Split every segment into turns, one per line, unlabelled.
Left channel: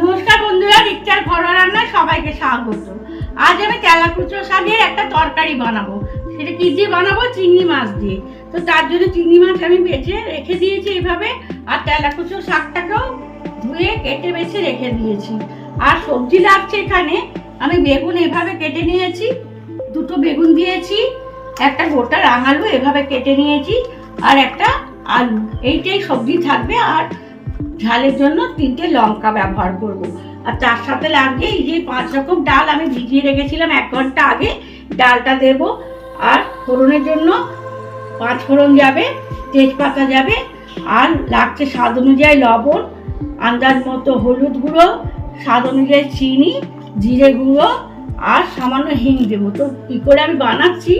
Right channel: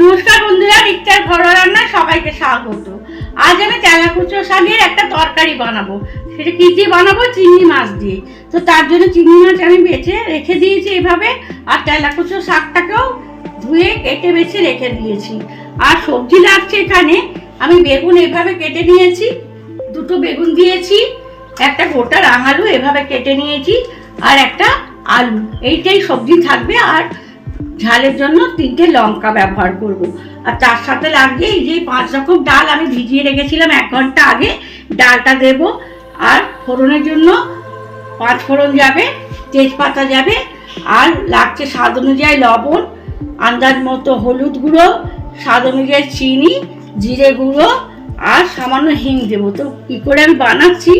নমস্কার বন্ধুরা রিক্তার ঘরোয়া রান্না সবাইকে স্বাগত। আজ আমি তেলাকুচো শাকের একটা তরকারি বানাবো। সেটা কি দিয়ে বানাবো? চিংড়ি মাছ দিয়ে। তো তার জন্য চিংড়ি মাছ আমি বেছে রেখে দিয়েছি এভাবে, আর তেলাকুচো শাকটাকেও ধুয়ে কেটে বেছে রেখে দিয়েছি। আর সবজি লাগছে এখানে, আমি বেগুন এভাবে কেটে নিয়েছি। দুটো বেগুন দিয়েছি, একটা গোটা রাঙালু এভাবে কেটে নিয়েছি, আর একটা আলু। এইটাই সবজি থাকবে, আর ঝালের জন্য তিনটে লঙ্কা ব্যবহার করব। আর তার সাথে লাগবে এই যে পাঁচ রকম ডাল, আমি ভিজিয়ে রেখেছিলাম এক ঘণ্টা আগে। ডালটা দেব। আর ফোড়নের জন্য পাঁচ ফোড়ন যাবে, তেজপাতা যাবে, আর লাগছে স্বাদ অনুযায়ী লবণ, আন্দাজ মতো হলুদ গুঁড়ো, স্বাদ অনুযায়ী চিনি, জিরে গুঁড়ো, আর সামান্য হিং দেবো। তো কী করে আমি বানাচ্ছি,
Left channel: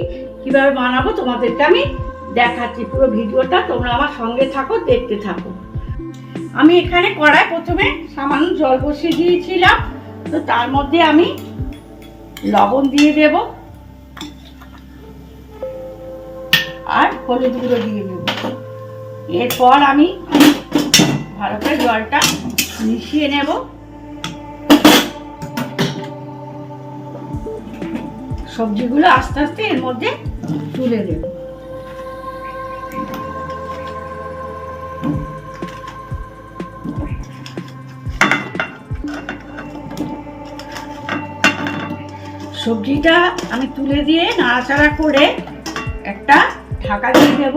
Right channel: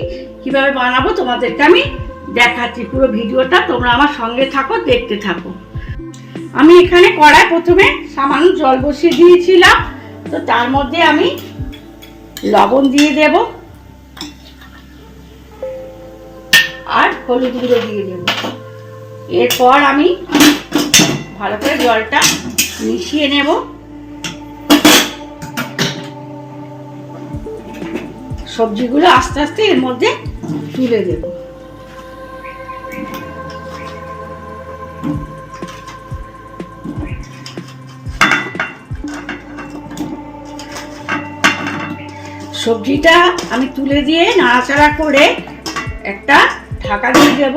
কীভাবে বানাবো তোমাদেরকে আমি দেখাচ্ছি। পুরো ভিডিওটা তোমরা আমার সঙ্গে থাকো, দেখতে থাকো। আমি এখানে কড়াই প্রথমে সামান্য জল বসিয়ে দিয়েছিলাম। তো তার মধ্যে আমি লবণ দিয়ে দেব। আর হলুদ গুঁড়ো দিয়ে দেব। এরপর আমি ভালো করে জলটা মিশিয়ে নেব। সবজিগুলো আস্তে আস্তে এর মধ্যে তুলে দেবো। সবজিটা আমি তুলে দিয়ে নাড়াচাড়া করে একটা ঢাকা দিয়ে দেব।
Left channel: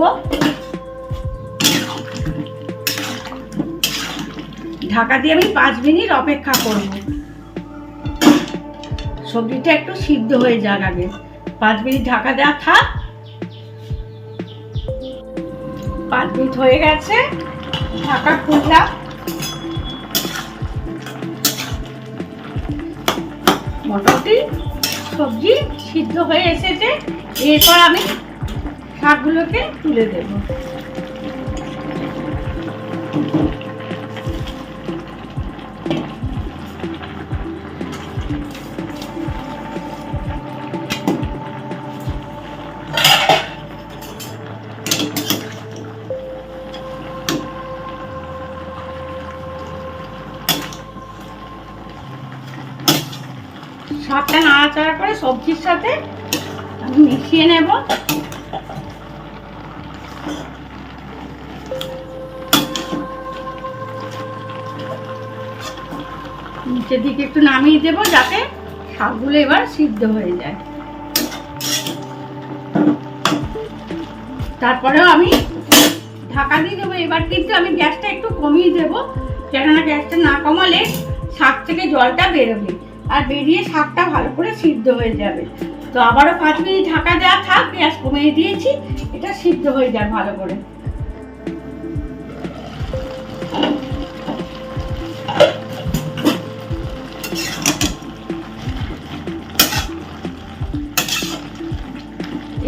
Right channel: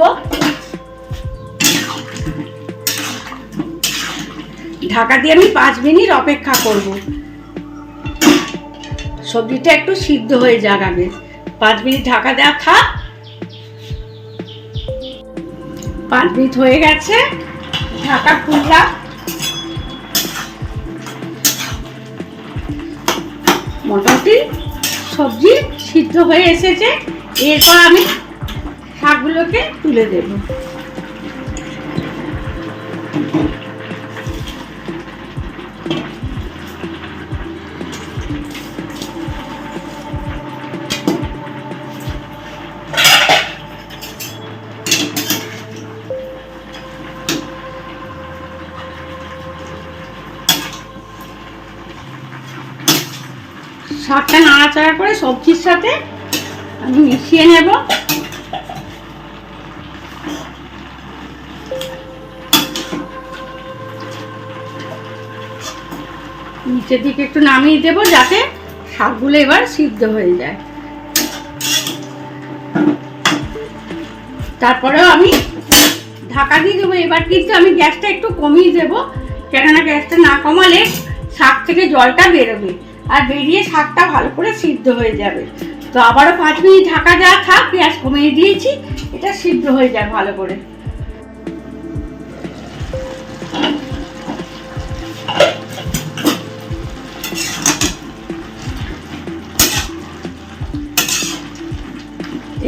ঢাকা দিয়ে আমি পাঁচ মিনিট অপেক্ষা করব। সবজিটা একটু সিদ্ধ হয়ে আগে। পাঁচ মিনিট ঢাকা দেওয়া থাক। পাঁচ মিনিট হয়ে গেছে। ঢাকা খুললাম মোটামুটি সবজি সিদ্ধ হয়ে এসেছে। এরপর আমি শাকগুলোকে তুলে দেব। শাকটা নাড়াচাড়া করে সবজির সাথে আমি মিশিয়ে নেব। নিচের দিকে একটু নামিয়ে দেবো যাতে শাকগুলো এবার সিদ্ধ হয়ে যায়। তারপরেও আমি ঢাকা দিয়ে দেবো। এবার কিন্তু আমি গ্যাসটা একটু কমিয়ে দেবো। কেননা গ্যাসটা না কমালে শাক থেকে জলটা বেরোবে। আর বেরিয়ে শাকটা ভালো করে সিদ্ধ হয়ে যাবে। তো আবারও পাঁচ মিনিট ঢাকা দেওয়া থাক গ্যাস কমিয়ে দিয়েছি, এটা সিদ্ধ হয়ে যায় ভালো করে।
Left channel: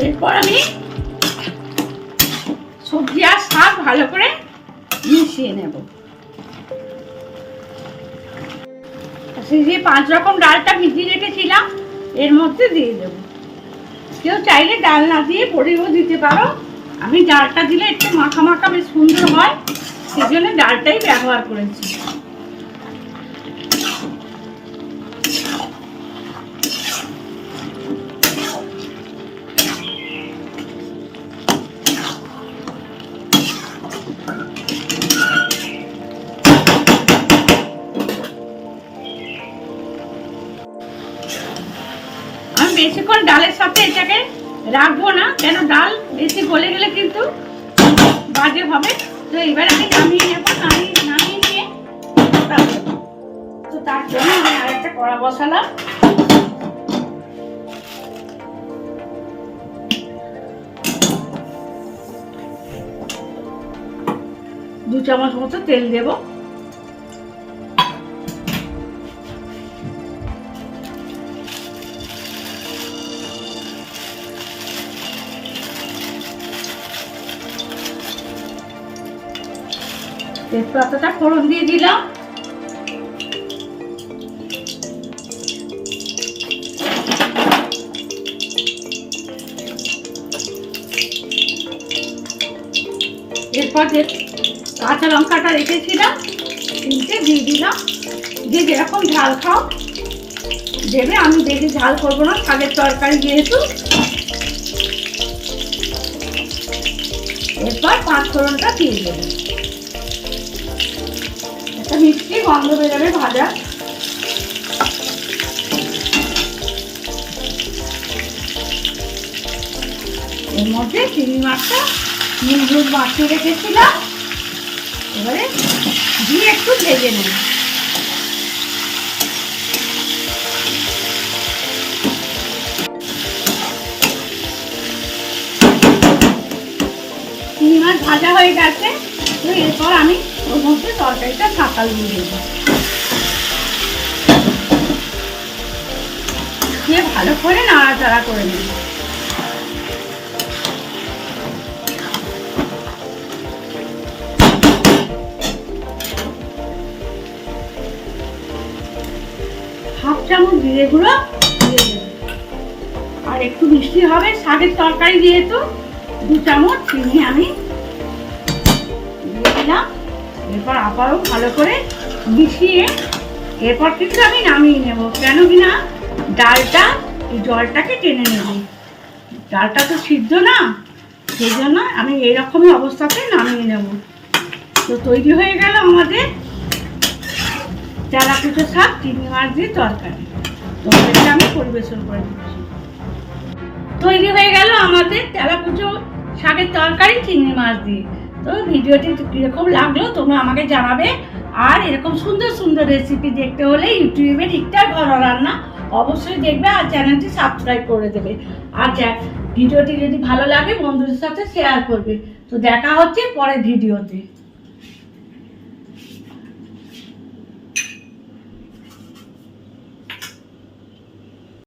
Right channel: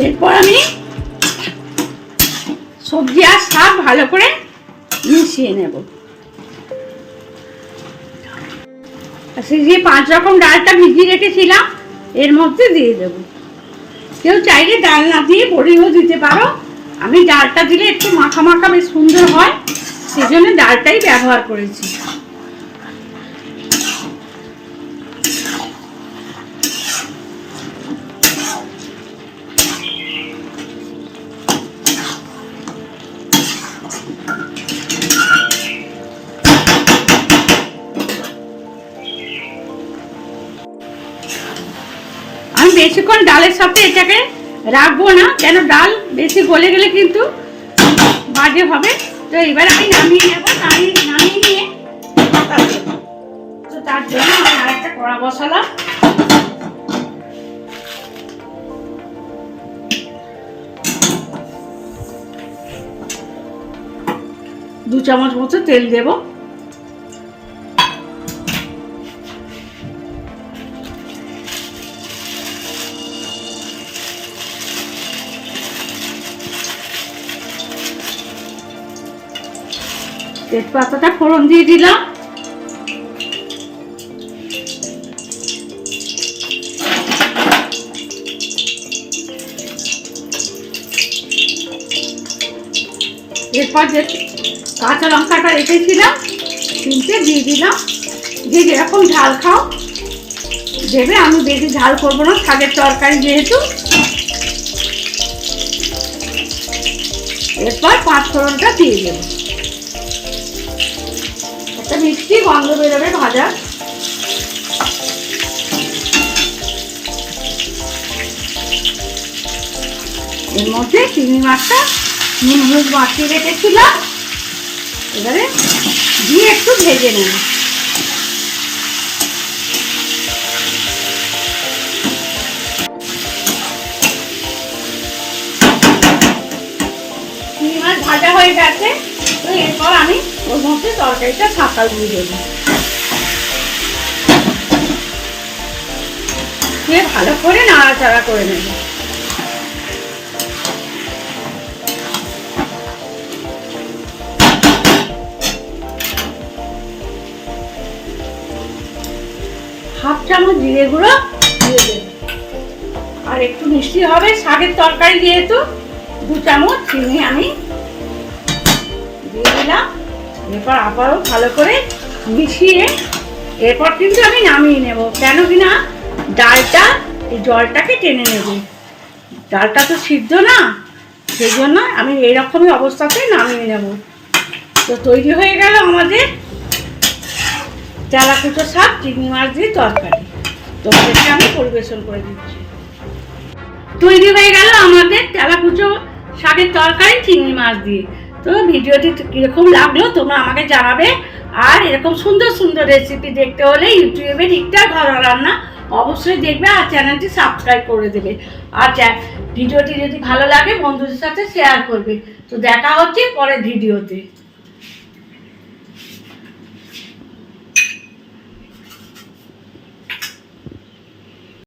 এরপর আমি সবজি আর শাক ভালো করে মিশিয়ে নেব। যে পাঁচ রকম ডালটা ভিজিয়ে রেখেছিলাম, এর মধ্যে দিয়ে দেব। কেউ চাইলে ডাল না দিয়ে পরেও দিতে পারো। আমি ডালটা দিলে একটু মাখা মাখা বেশ সুন্দর হয় সেই জন্য ডালটাই ব্যবহার করেছি। বেশিক্ষণ ডালের সাথে এটাকে রাখব না, কেন ডাল বেশি গলে গেলে কিন্তু বাজে হবে। তো এবার আমি নামিয়ে নেব নামিয়ে নিয়ে তো তার জন্য আমি আরেকটা কড়া বসালাম। দু চামচ মতো তেল দেবো। তেজপাতাটা ফোড়ন দিয়ে দিলাম। এরপর যে কাঁচা লঙ্কাটা রেখেছিলাম, তিনটে দিয়ে দিলাম। যে যেরকম ঝাল খাও। দেবে আমি বেশি ঝাল করব না, শাকের তরকারি যেহেতু। এরপর পাঁচ ফোড়নটা দিয়ে দেবো। একটা মিষ্টি গন্ধ বেরোবে ভাজা। এর মধ্যে চিংড়ি মাছটা নুন হলুদ মাখিয়ে রেখেছিলাম। এবারে দিয়ে একটু ভেজে নেব। চিংড়ি মাছ ভাজা হয়ে গেছে, তো এরপর আমি ওর মধ্যে তরকারিটা ফাঁকা দিয়ে দেবো। দিয়ে ভালো করে নাড়াচাড়া করে নেব। হাফ চামচ জিরে গুঁড়ো দিয়ে দেবো। আর একটু মিষ্টি হবে শাকের তরকারি যেহেতু, দু চামচ চিনি আমি দিয়ে দিলাম। এরপর আবারও ভালো করে মিশিয়ে এরপর কিন্তু আমি নামিয়ে নেব। কেন কিনা ডালটা, এই জলটাকে টেনে নেব। ডালটা তো সিদ্ধ না, সেই জন্য আমি এইরকমই অবস্থাতে নামিয়ে নেব। তো তৈরি হয়ে গেল আমাদের চারা কুটো শাক, চিংড়ি মাছ দিয়ে তরকারি। তো সেটা আমি পরিবেশন করে দিচ্ছি। তৈরি হয়ে গেল আমাদের তেলাকুচো শাকের তরকারি, চিংড়ি মাছ দিয়ে। তো ভিডিওটি কীরকম লাগল তোমরা আমাকে জানাবে। আর এরকম সুন্দর সুন্দর রেসিপি দেখতে হলে ইউটিউবে ঠিকঠাক ঘরোয়া রান্না অবশ্যই দেখবে আর চ্যানেলটি সাবস্ক্রাইব করে দেবে। আর ভিডিওটি যদি ভালো লাগে বন্ধুদের সাথে শেয়ার করবে। তো দেখা হচ্ছে পরের ভিডিওতে।